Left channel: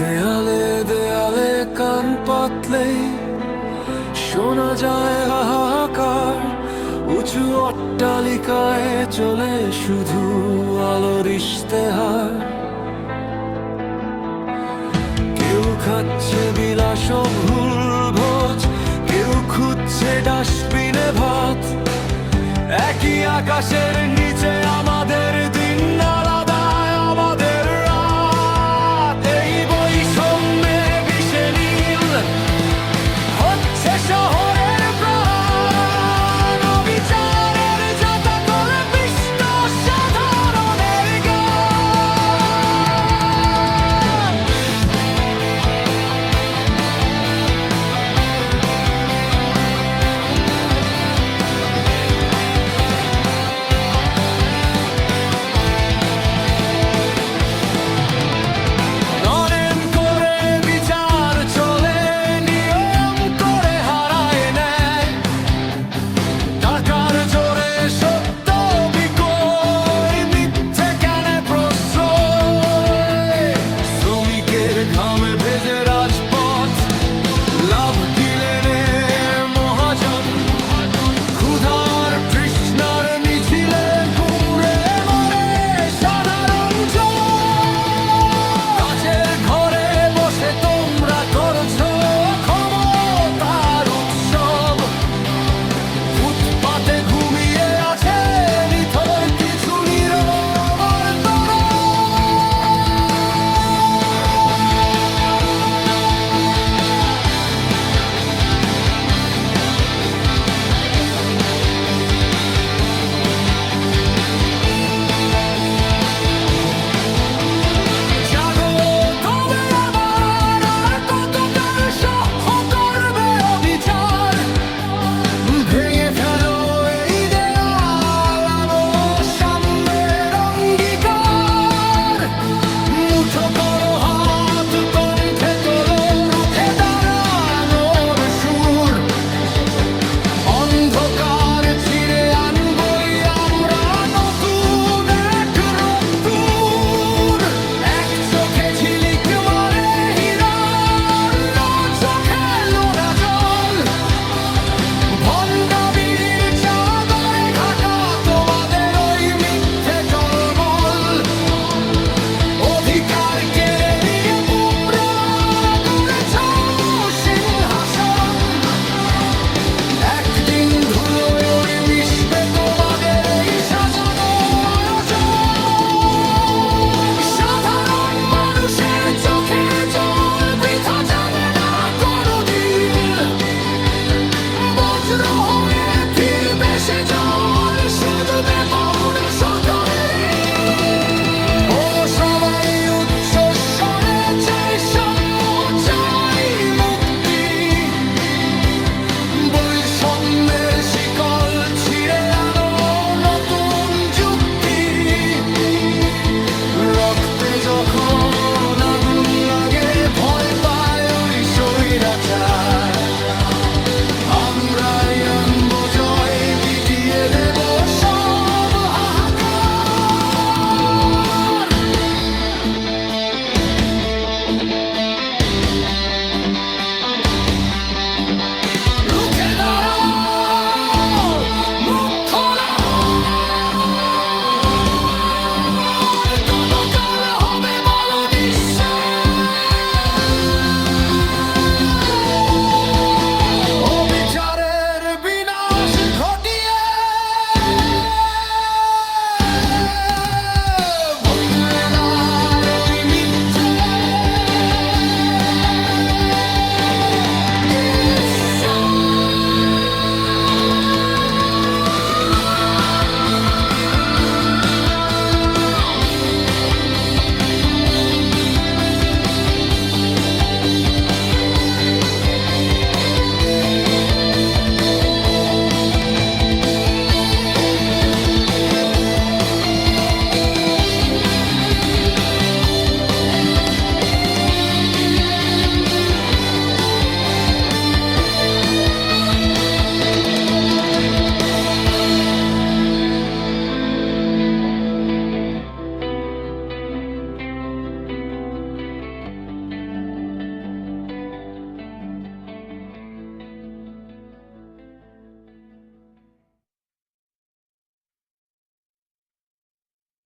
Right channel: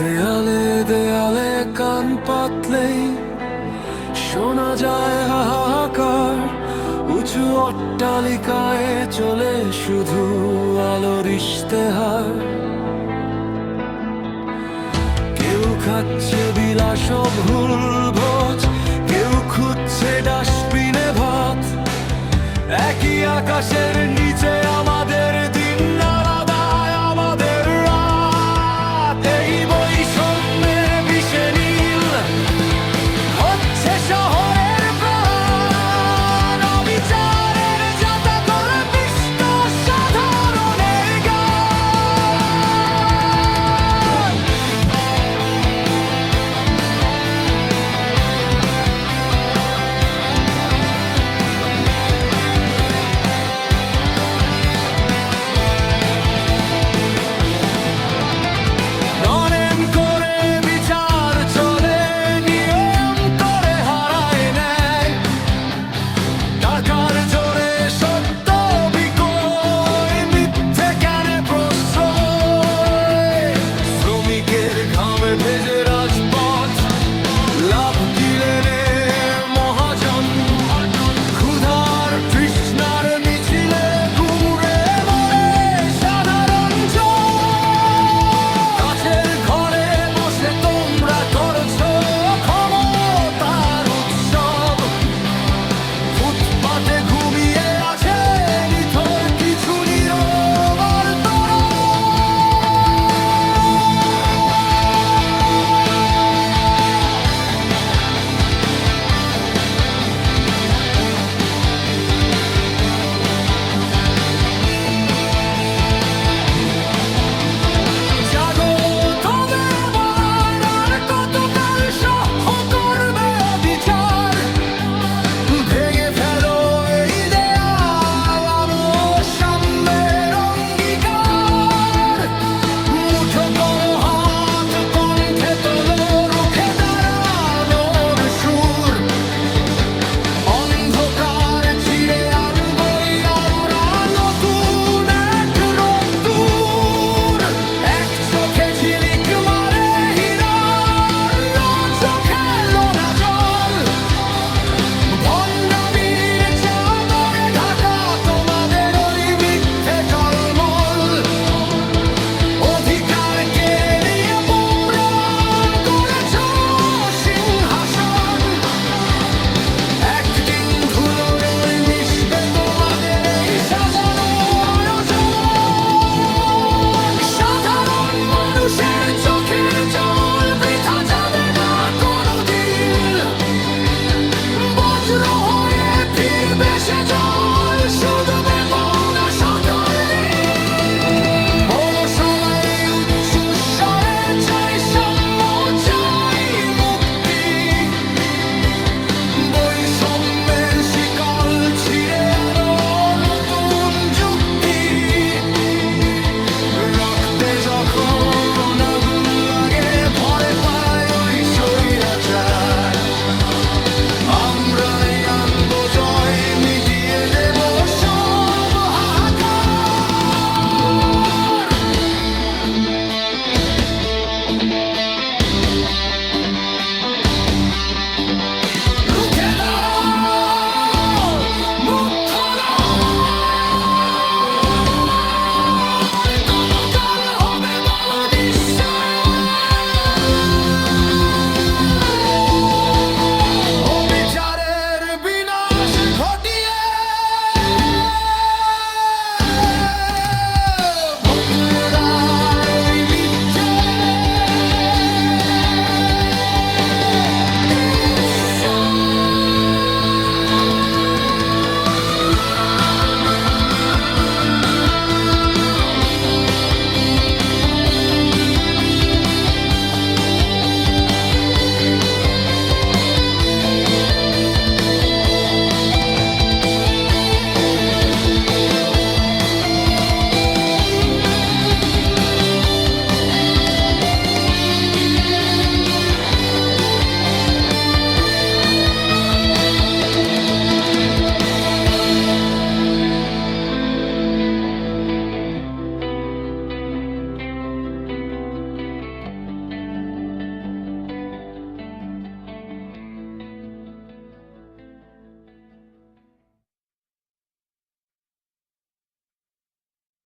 দেয়ালে দেয়ালে কান পাতলেই শোনা যায় হাহাকার, উঁচু অট্টালিকায় চলে শুধু আলোর ইশতেহার। কেউ খাচ্ছে বিলাস ভুল ভোজ, কেউ খুঁজছে ডাস্টবিনে ভাত। একই আকাশের নিচে আমাদের দিন আলাদা, আমাদের রাত। এই বৈষম্যের বিষে নীল হচ্ছে শহরের প্রাণ, অবিচারের যাতা করে পিষ্ট সাধারণের গান। নরেম করে বিচার চলে, নিয়ম করে হারায় নেয়। টাকার জোরে সত্য বিকয়, মিথ্যে কেন প্রশ্রয়। শ্রমিকের ঘামে ভেজে